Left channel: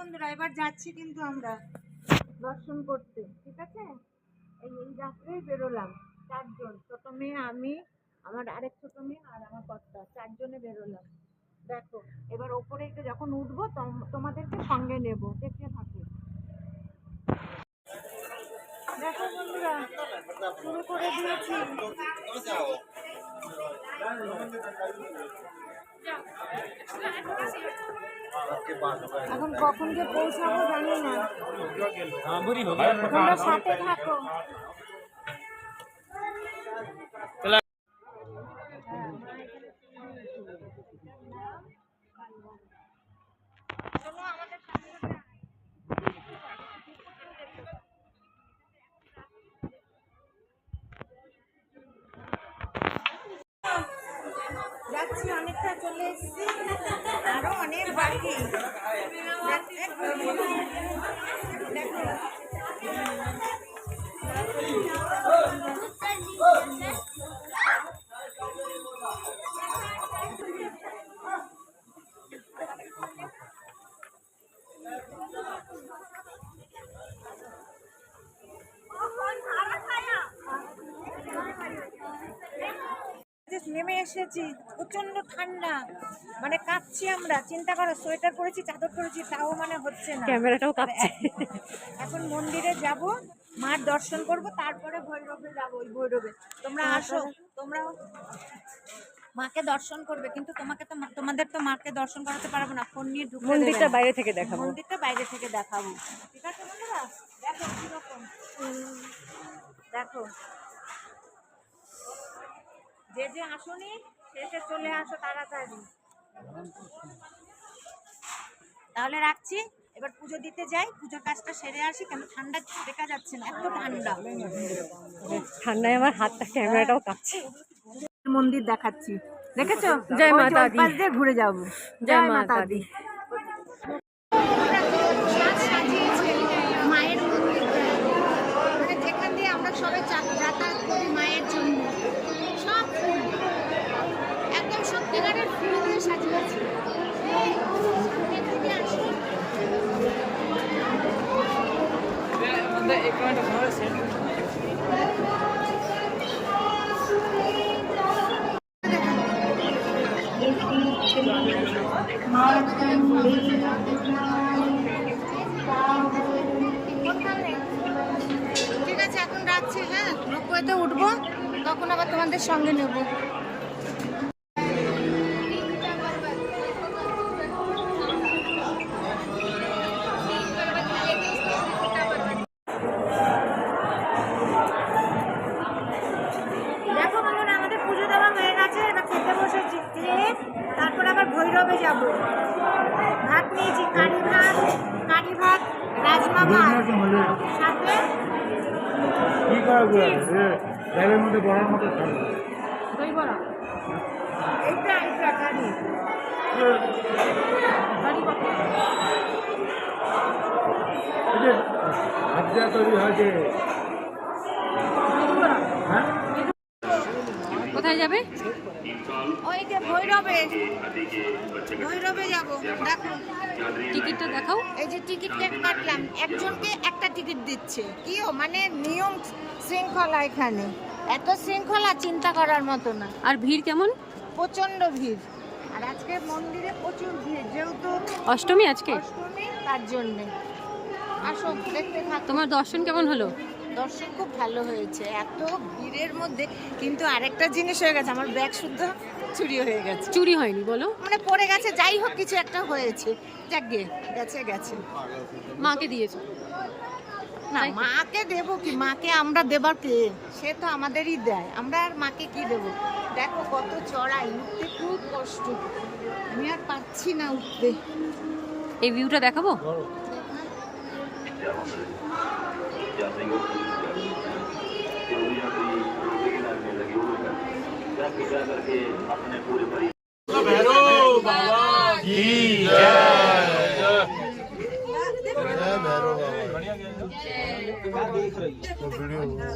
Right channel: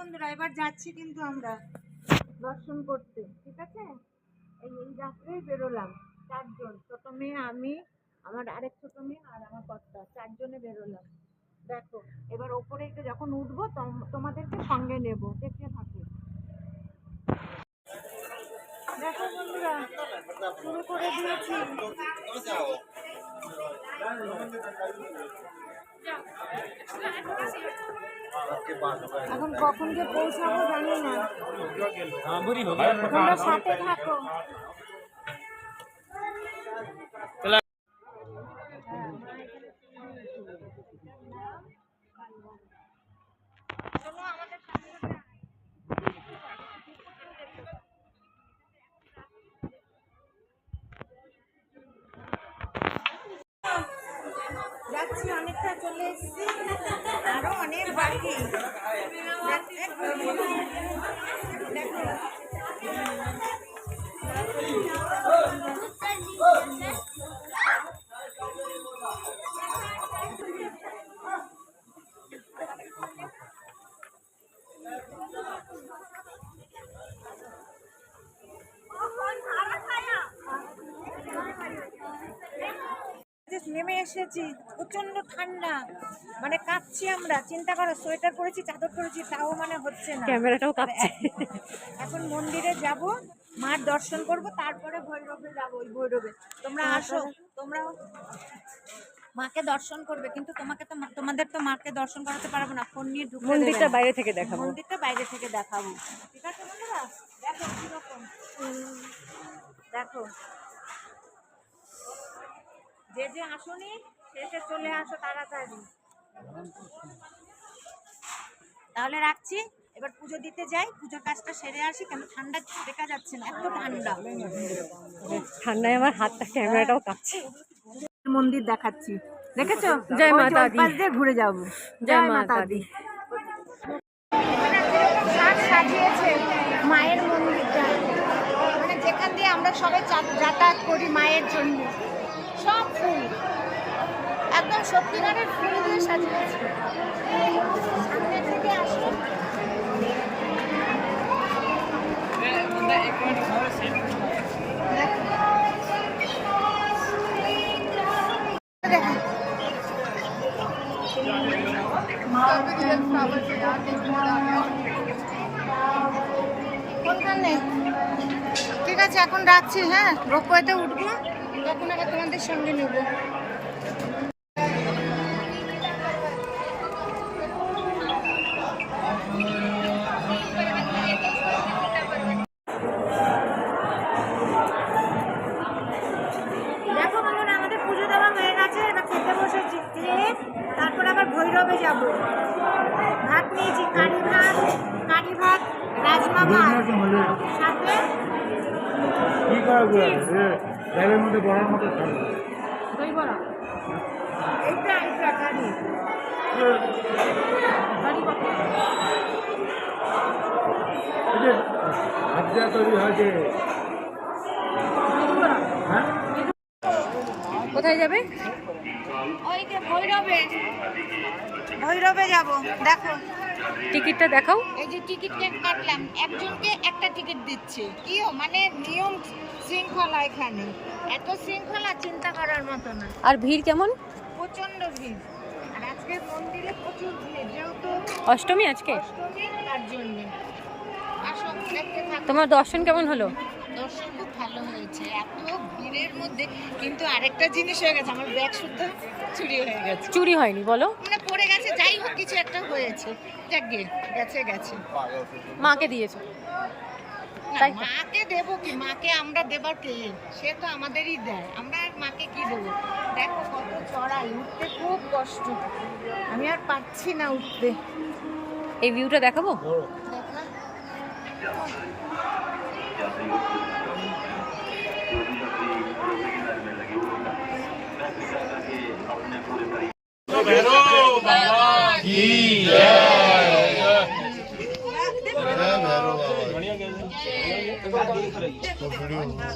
বন্ধুরা এবার যাচ্ছি কিন্তু আমরা দর্শন করতে, ঠিক আছে? এই রাত্রেই বেরোলাম, 4 জন, ছোট মেয়ে, আমি, আমার আরেক ছোট মেয়ে আর আমার কর্তা, 4 জনে বেরোলাম। দেখো এবার ওপরে যখন উঠবো তোমাদেরকে সঙ্গে নেব, দেখতে থাকো। দেখো বন্ধুরা শুরু করে দিয়েছি। এখন কখন যে পৌঁছাবো জানি না, তোমরা সাথে থাকো। যাচ্ছি, অনেকটা চলে এসেছি, আরো অনেক বাকি। দেখো নেমে এসেছি, প্রচন্ড ঠান্ডা, মানে কাঁপছি আমরা। চিন্তা করো, সোয়েটার পরেছি, চাদর পরেছি, তাও মানে হচ্ছে না, ক্যামেরাটাও কাঁপছে। এখন মন্দিরে যাব, মার দর্শন করব, তারপরে ভৈরবে যাব। ওই ভৈরবে তোমরা আসো, তোমরাও মাকে দর্শন করবে, কিন্তু তোমাদের তো মাকে দর্শন করাতে পারবো না, ফোন নিয়ে ঢুকতে দেবে না। মন্দিরটা বাইরে থেকে দেখাবো, মন্দিরটা বাইরে থেকে দেখাবো, ঠিক আছে বন্ধুরা? দেখো কিরকম, দেখো যে যে আসুনি শেষে চলে আসো তাড়াতাড়ি। তাহলে রাখছি, এবার পুজো দিতে যাই, পুজোর কাজটা সেরে আসি, কেন ঠান্ডা দেখা যাচ্ছে না, এত ঠান্ডা। ঠান্ডায় আমার হাতটা, ক্যামেরাটাও কাঁপছে। মন্দির দেখাচ্ছি, দেখেছো? জয় মাতা দি, পাশ দিয়ে ঘুরে যাবো। জয় মাতা দি। কিরকম সাজ সাজিয়েছে মায়ের মন্দিরটা, মানে যেখান দিয়ে আমরা সবাই যাতায়াত করি মায়ের জন্য, সব ফুল একদম সত্যিকারের ফুল দিয়ে সাজিয়েছে। সামনের দিকে আসুন, ঠিক আছে এখন রাখছি। হ্যাঁ, রোপওয়েতে উঠবো, তখন আবার তোমাদের সঙ্গে নেব। দেখো বন্ধুরা, আমাদের পুজো দেওয়া হয়ে গেছে, এবার খেতে বসেছি, খেয়ে তারপর আবার ভৈরবে যাব। ভাত নিয়েছি, কারি ভাত, রাজমা ভাত, সাথে দই বড়া। এইটা কারি কোথায় যাবে? ওই যে ভৈরবে যাব। দেখো টিকিটটা দেখাও। এই যে টিকিট কাটলাম, একজনকে একটা টিকিট দিচ্ছে। কিও মানে নিয়ম শৃঙ্খলা, এখানে এত শৃঙ্খলা চিন্তা করার মতো না। আর ভিড় কেমন? প্রচন্ড ভিড়, আর আজকে মন্দিরে প্রচুর ভিড়, যেহেতু অষ্টমী আজকে, অষ্টমী, তার জন্য। আসো দেখতে থাকো। তোমার দর্শন কেমন হলো? দর্শন খুব ভালো হয়েছে, এত ভিড়ের মধ্যে। কিন্তু আরেকটা জিনিস হয়ে গেছে, আমার ব্যাগ শুদ্ধ চুরি হয়ে গেছে। চুরি হয়নি বলো? মানে পড়ে গেছে, যাই হোক কিছু একটা হয়েছে, যাক গেছে। মাকে দিয়েছো? না, মাকে দেবো কি? মাকে আমরা দেবার কে? সে তো আমাদেরই দেয়, আমরা আর মাকে কি দেবো? দেখো কত চড়াই, উঠতে খুব কষ্ট, আমি আর পারছি না উঠতে। এই ভিউটা দেখাবো? দেখা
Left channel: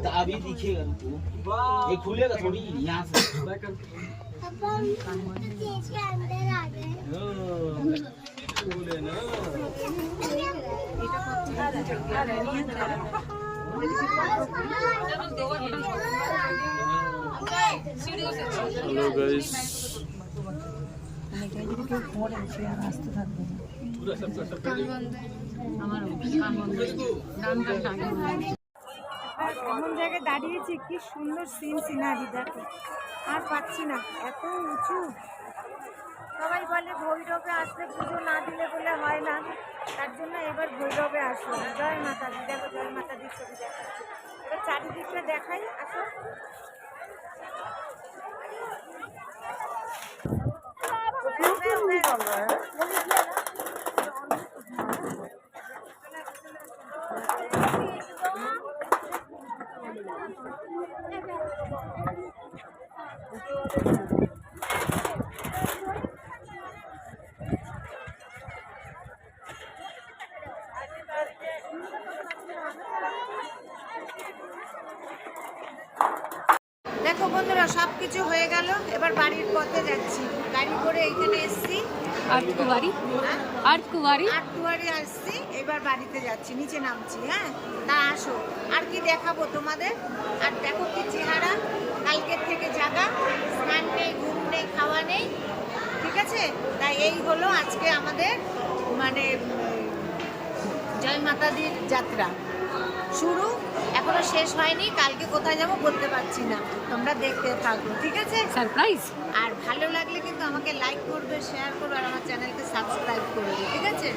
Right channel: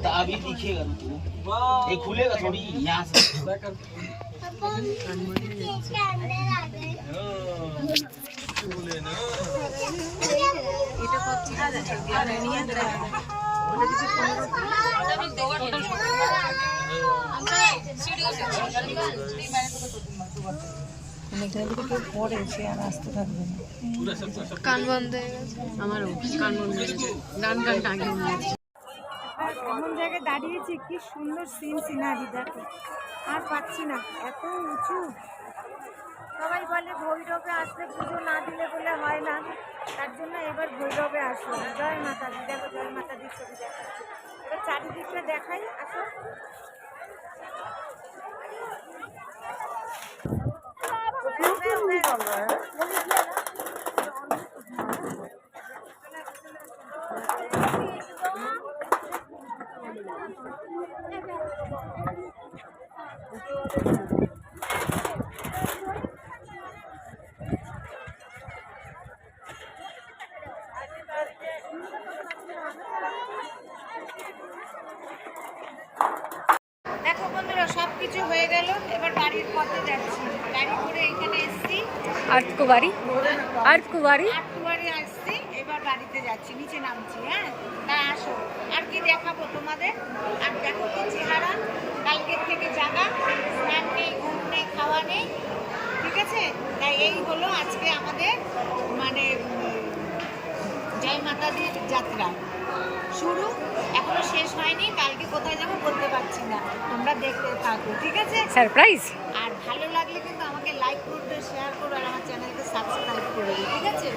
तो अभी दिखेगा, ये खुलेगा थोड़ी यहाँ से। अंदर आ गए। কান বন্ধ হয়ে গেছে আমারও কান বন্ধ গান গানটা আগে এমন জায়গায় দাঁড়িয়েছি, কি সুন্দর সিনারি দেখো। আর পাচ্ছি না, এত উঁচু। সবাই বলে ভৈরবে আসলে পুজো না দিলে বলে হয় না, তার জন্য এবার ভৈরবে আসলাম। জয় মাতাদি, দেখো জয় মাতাদির ছবি দেখাচ্ছি। এবার চারিদিকটা দেখাই, আসো। দেখো বন্ধুরা, সব কিছু হয়ে গেল, এবার বাড়ির পথে যাচ্ছি। গাড়ি করে এইখানে এসছি, আর্টকুবাড়ি আর্টকুবাড়ি আটটুয়ারি আসছি, এবার বাড়িতে যাচ্ছি, নিচে নামছি। হ্যাঁ, তা আসো, আর কি দেখাবো তোমাদের। আর দেখো কি চেহারা, কালকের থেকে জাগা, স্নান নেই, ঘুম নেই, খাওয়া নেই, ঠিক আছে। তাই এই হলো আজকে আমাদের মানে জয় মাতাদির যাত্রা শুরু, এখনো শেষ হয়নি। কালকে কোথায় যাব বলতে পারছি না, তোমরা দেখতে থাকো, ঠিক আছে। সারপ্রাইজ। আর ভালো লাগলে কিন্তু আমাকে লাইক করবে, শেয়ার করবে, আর আমার চ্যানেলকে সাবস্ক্রাইব করবে, ঠিক আছে।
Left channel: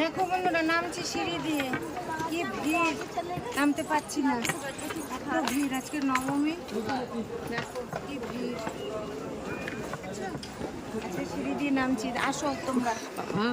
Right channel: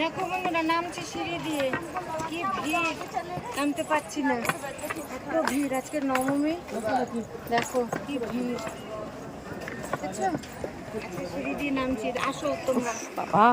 দেখো বন্ধুরা, নামছি সিঁড়ি দিয়ে, কি ভিড়, নামতে পারছি না, এত ভিড়। আজকে নবমী, দেখো কি ভিড়, বুঝছো? একটা সিঁড়ি দিয়ে নামছি, আসো তোমরা। বাবা